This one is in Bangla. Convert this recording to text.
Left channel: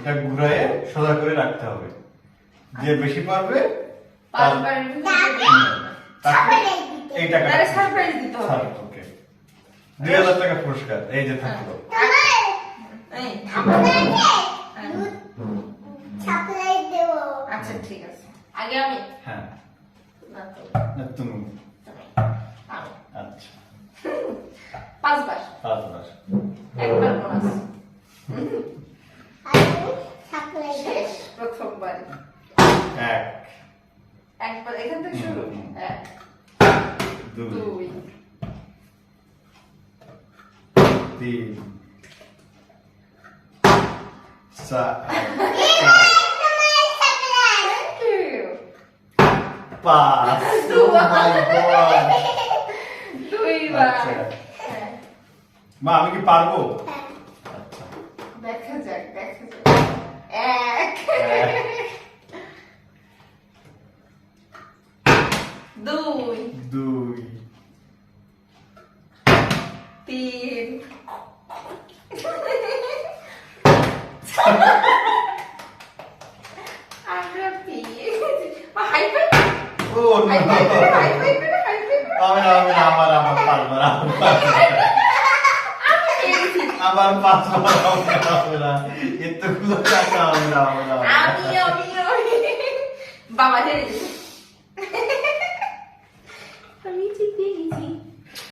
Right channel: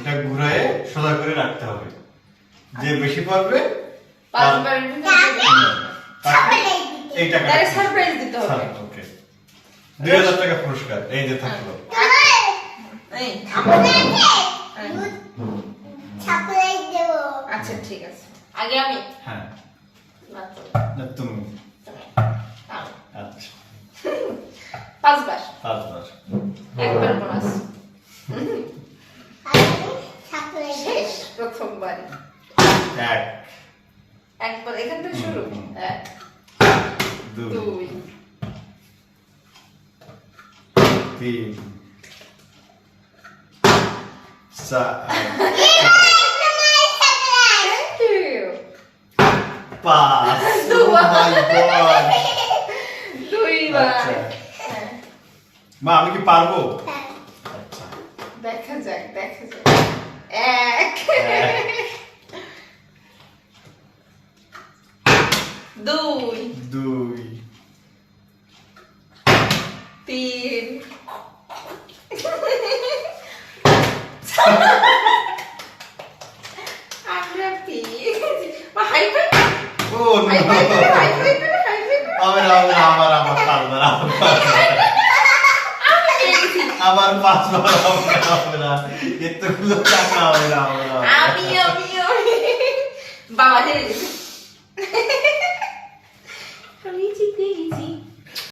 এটা ঘুরায়ে সোজা করে রাখতে হবে। যে বেশি পারবে পাঁচবার তাকে এই টাকাটা তারে সারপ্রাইজ দিতে হবে। ওকে, 2000 টাকা পুরস্কার এই যে থাকলো। এই আচ্ছা ঠিক আছে, আগে আমি হ্যাঁ না তো, না তুমি। আমি। আচ্ছা, পাঁচবার, 5বার। একবার বোনাস শেষ, প্রথমবার এক, একবার এখান থেকে শুরু। এক, দুই, দুই, 3, 4, thank you, 5। Oh my God! দুইবার। আচ্ছা। হ্যাঁ, মা আমি কি পারবো? আচ্ছা, দেখা যাক দেখা যাক। এক, দুই, 2, তিন, আটটি। মা হাই ফাই, ও হাই no! ফাই করে, হাই ফাই করে, হাই ফাই করে। হবে না, হবে না, আমার পারবে না, আমি পেরেছি। আমার 5বার হবে না, এতগুলো টাকা হবে না, হবে না, হবে না। আমি বাবা হেরে গেছি। আমি জিতে গেছি।